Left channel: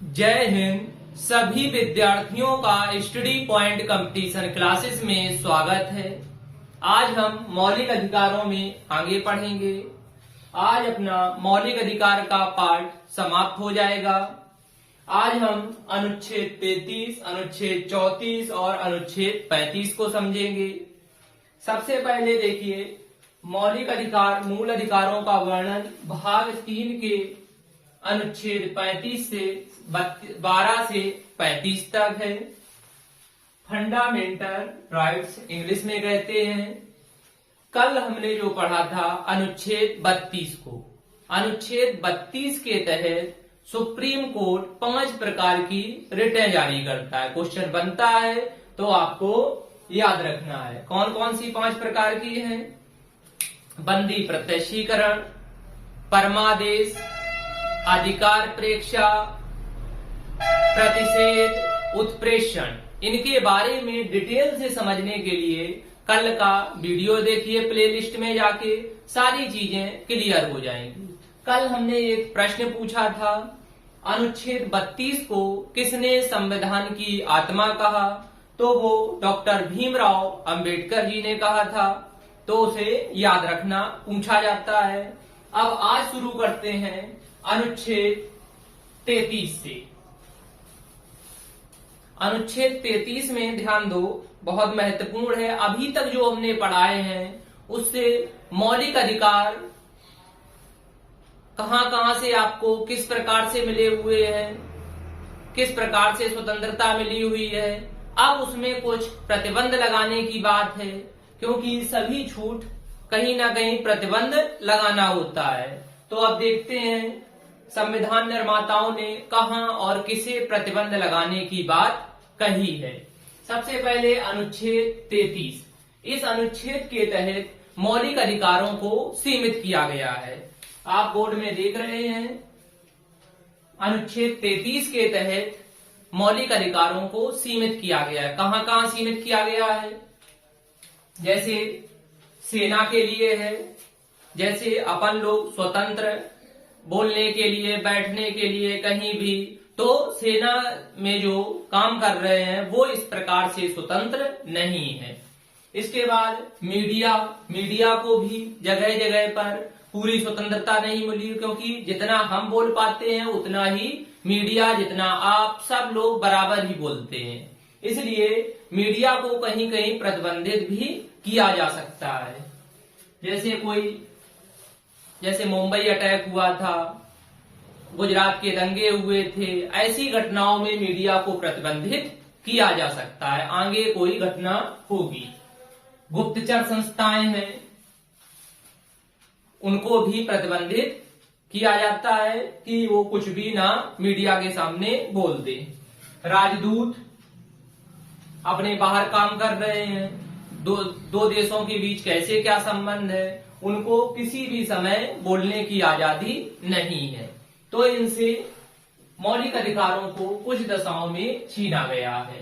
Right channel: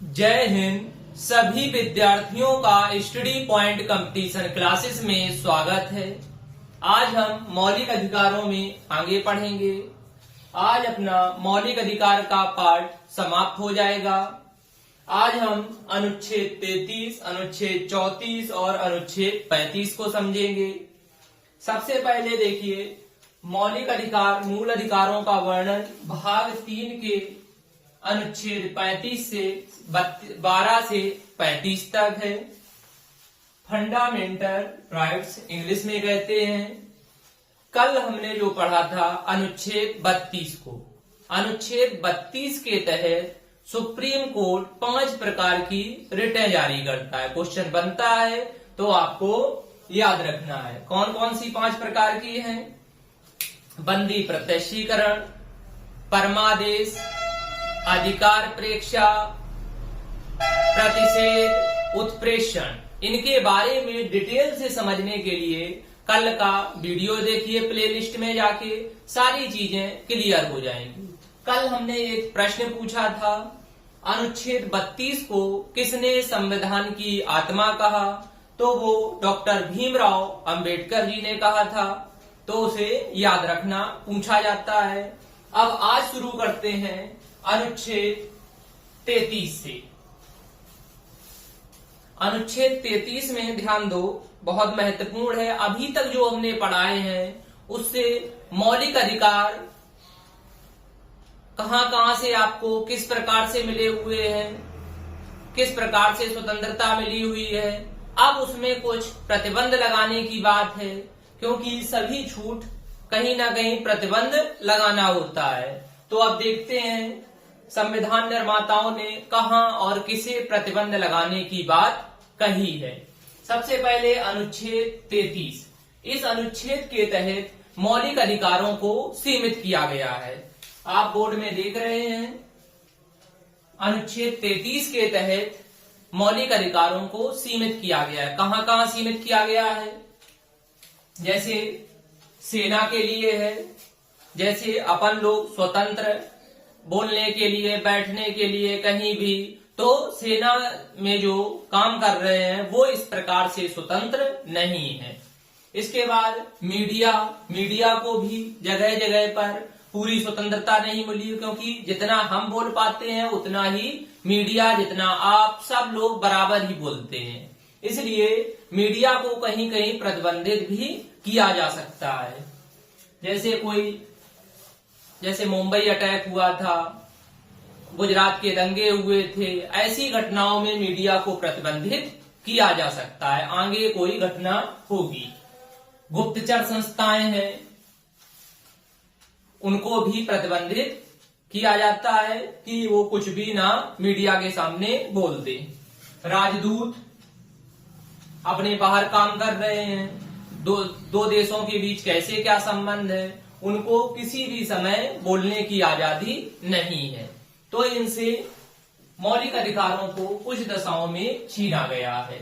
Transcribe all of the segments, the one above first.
जय हिंद। सभी विद्यार्थियों का स्टडी पॉइंट कंपटीशन क्लासेस में स्वागत है। आज हम मौलिक अधिकारों में आगे पढ़ेंगे। आज अपना मौलिक अधिकार का पाठ समाप्त हो जाएगा। आज हम अनुच्छेद 33, अनुच्छेद 34 और अनुच्छेद 35 को समझेंगे। सबसे पहले देखिए, मौलिक अधिकार मूल अधिकारों का वर्णन भाग 3 के अनुच्छेद 35 से 12 से 35 तक है। फंडामेंटल राइट्स इंग्लिश में कहते हैं। कल हमने जो पढ़ा था अनुच्छेद 32 को। अनुच्छेद 32 के तहत सुप्रीम कोर्ट 5 प्रकार की रिटें जारी करता है। क्वेश्चन बनता है तो आपको याद रखना है कौन कौन सी 5 प्रकार की हैं। बंदी प्रत्यक्षीकरण, परमादेश, अधिकार प्रेक्षा, प्रतिषेध, उत्प्रेषण। इनके बारे में डिटेल से समझने के लिए कल का वीडियो देखिए, प्लेलिस्ट में जाके सारी चीजें क्लियर हो जाएंगी। कल हमने एक प्रश्न पूछा था, अनुच्छेद 32 को किसने संविधान की आत्मा कहा? तो वो डॉक्टर भीमराव अंबेडकर जी ने कहा था। तो उसे याद रखना पूछा जाता है। अब आज शुरू करते हैं अनुच्छेद 33 से। अनुच्छेद 33 में ध्यान दो, बहुत महत्वपूर्ण है। अभी तक जो हमने पढ़ाए हैं उससे मौलिक अधिकार कहां कहां से आपको किस प्रकार से मिले हुए हैं, किस प्रकार से स्वतंत्रता मिली हुई है। अब उसमें कुछ प्रतिबंध लगाने की बात है, क्योंकि सभी छूट कहीं ना कहीं प्रतिबंध लगाना होता है। तो अब देखते हैं संविधान निर्माताओं ने कहां और किसे प्रतिबंध लगाने की बात कही है। सबसे पहले अनुच्छेद 33। इस अनुच्छेद के तहत मौलिक अधिकारों को सीमित किया गया है। आप बोर्ड में देख रहे हैं, अनुच्छेद 33 के तहत मौलिक अधिकारों को सीमित किया गया है। कहां कहां सीमित किया गया है? जैसे सेना के लिए है, जैसे अपन लोग स्वतंत्र बोलने के लिए, बैठने के लिए कहीं भी, तो सेना में जो काम कर रहे हैं वो इस प्रकार से स्वतंत्र नहीं है। इसके बाद मीडिया को भी जगह जगह पर पूरी स्वतंत्रता नहीं मिली, क्योंकि जितना हम बोल पाते हैं उतना ही मीडिया, जितना आप सब लोग बराबर ही बोलते हैं। इसलिए मीडिया को कहीं कहीं प्रतिबंधित भी किया जा सकता है। जैसे मुंबई अटैक हुआ था, गुजरात के दंगे हुए थे, ऐसी घटनाओं में मीडिया को प्रतिबंधित किया जा सकता है। आगे कोई घटना होगी, गुप्तचर संस्थाएं हैं, उनको भी प्रतिबंधित किया जाता है कि वो कुछ भी ना मीडिया के सामने बोल दे। राजदूत अपने बाहर काम कर रहे हैं, दो देशों के बीच कैसे क्या संबंध है, उनको किसी भी समय बोलने की आजादी नहीं है। तो इनसे मौलिक अधिकारों को कुछ दशाओं में छीना गया है।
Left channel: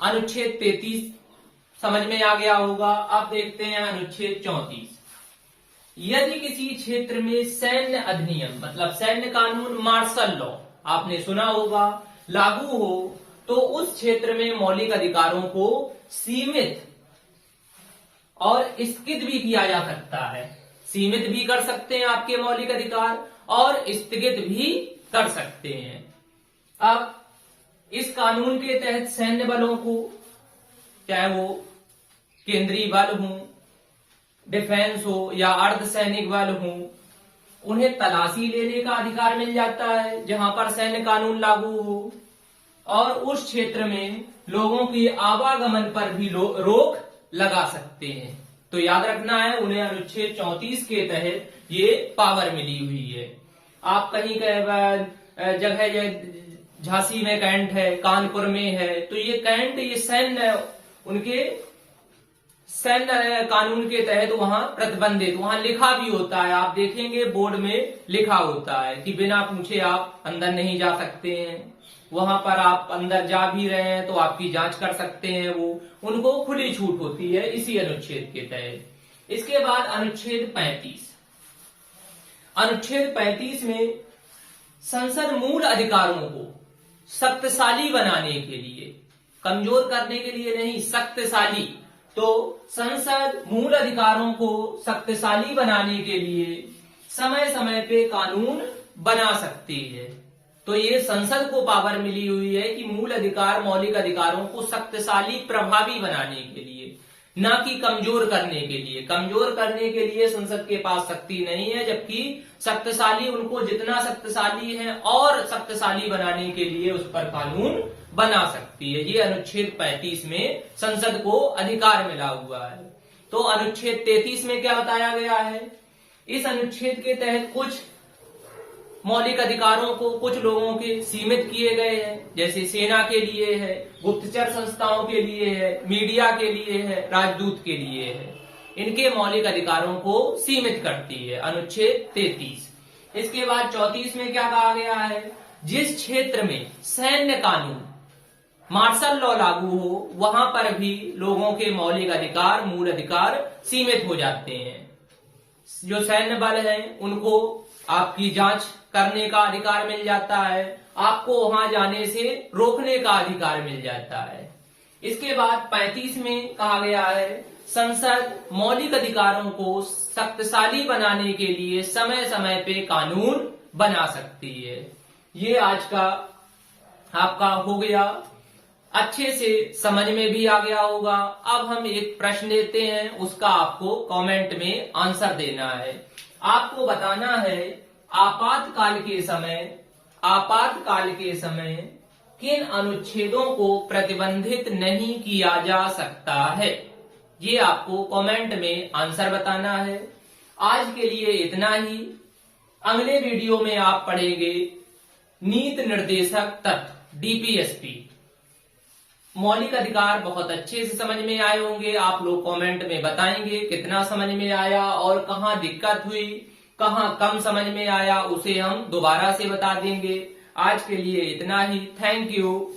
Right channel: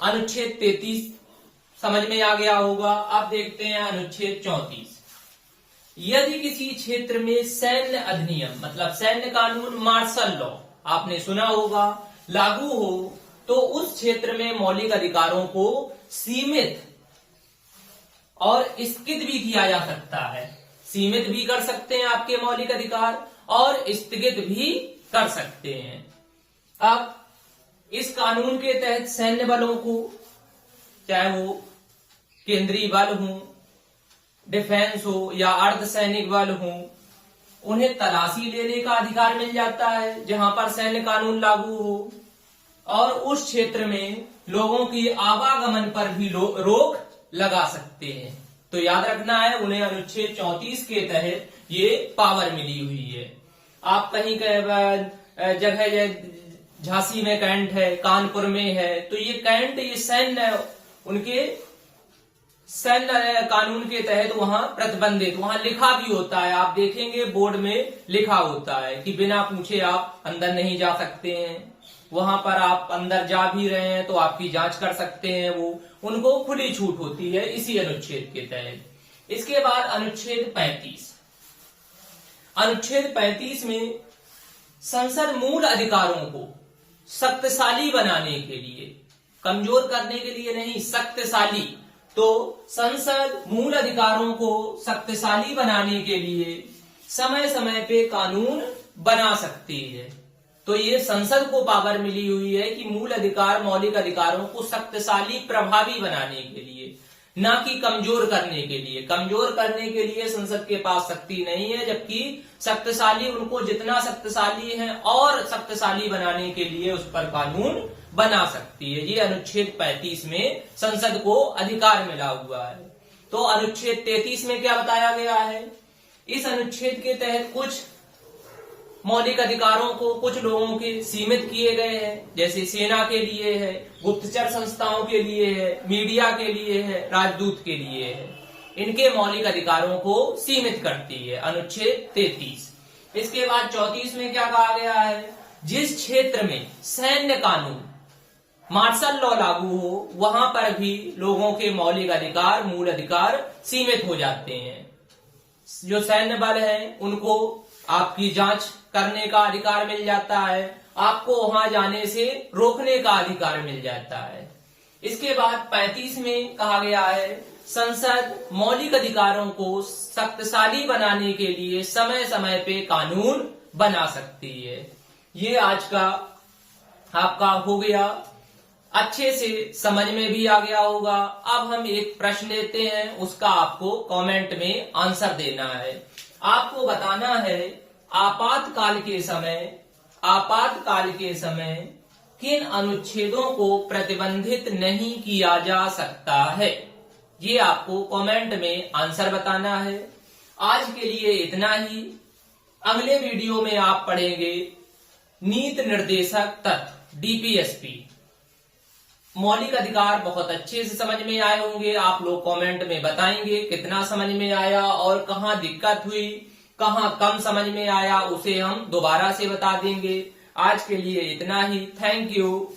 अनुच्छेद 33 समझ में आ गया होगा। अब देखते हैं अनुच्छेद 34। यदि किसी क्षेत्र में सैन्य अधिनियम, मतलब सैन्य कानून, मार्शल लॉ आपने सुना होगा, लागू हो, तो उस क्षेत्र में मौलिक अधिकारों को सीमित और स्थगित भी किया जा सकता है। सीमित भी कर सकते हैं आपके मौलिक अधिकार और स्थगित भी कर सकते हैं। अब इस कानून के तहत सैन्य बलों को, चाहे वो केंद्रीय बल हो, डिफेंस हो या अर्धसैनिक बल हो, उन्हें तलाशी लेने का अधिकार मिल जाता है जहां पर सैन्य कानून लागू हो। और उस क्षेत्र में लोगों की आवागमन पर भी रोक लगा सकते हैं। तो याद रखना है, उन्हें अनुच्छेद 34 के तहत ये पावर मिली हुई है। आप कहीं जगह झांसी में कैंट है, कानपुर में है, तो ये कैंट, ये सैन्य, उनके सैन्य कानून के तहत वहां प्रतिबंधित, वहां लिखा भी होता है। आप देखेंगे बोर्ड में लिखा होता है कि बिना पूछे आप अंदर नहीं जा सकते हैं। वहां पर आप अंदर जा भी रहे हैं तो आपकी जांच कर सकते हैं, वो उनको खुली छूट होती है इसी अनुच्छेद के तहत। इसके बाद अनुच्छेद 35। अनुच्छेद 35 में संसद मूल अधिकारों को शक्तिशाली बनाने के लिए, कमजोर करने के लिए नहीं, शक्तिशाली। तो संसद मूल अधिकारों को शक्तिशाली बनाने के लिए समय समय पे कानून बना सकती है। तो ये संसद को पावर मिली हुई है कि मूल अधिकार, मौलिक अधिकारों को शक्तिशाली, प्रभावी बनाने के लिए, ना कि कमजोर करने के लिए। कमजोर करने के लिए संसद के पास शक्ति नहीं है, जबकि शक्तिशाली, उनको जितना शक्तिशाली है और शक्तिशाली बनाने के लिए उस पर कानून बना सकती है। ये अनुच्छेद 35 में संसद को अधिकार मिला हुआ है। तो अनुच्छेद 33 में क्या बताया गया है? इस अनुच्छेद के तहत कुछ मौलिक अधिकारों को कुछ लोगों के सीमित किए गए हैं, जैसे सेना के लिए है, गुप्तचर संस्थाओं के लिए है, मीडिया के लिए है, राजदूत के लिए है। इनके मौलिक अधिकारों को सीमित करती है अनुच्छेद 33। इसके बाद 34 में क्या कहा गया है? जिस क्षेत्र में सैन्य कानून, मार्शल लॉ लागू हो, वहां पर भी लोगों के मौलिक अधिकार, मूल अधिकार सीमित हो जाते हैं। जो सैन्य बल है उनको आपकी जांच करने का अधिकार मिल जाता है, आपको वहां जाने से रोकने का अधिकार मिल जाता है। इसके बाद 35 में कहा गया है संसद मौलिक अधिकारों को शक्तिशाली बनाने के लिए समय समय पे कानून बना सकती है। ये आज का आपका हो गया, अच्छे से समझ में भी आ गया होगा। अब हम एक प्रश्न लेते हैं, उसका आपको कमेंट में आंसर देना है। आपको बताना है आपातकाल के समय किन अनुच्छेदों को प्रतिबंधित नहीं किया जा सकता है। ये आपको कमेंट में आंसर बताना है। आज के लिए इतना ही। अगले वीडियो में आप पढ़ेंगे नीति निर्देशक तत्व, डीपीएसपी। मौलिक अधिकार बहुत अच्छे से समझ में आए होंगे। आप लोग कमेंट में बताएंगे कितना समझ में आया और कहाँ दिक्कत हुई, कहाँ कम समझ में आया, उसे हम दोबारा से बता देंगे। आज के लिए इतना ही। Thank you.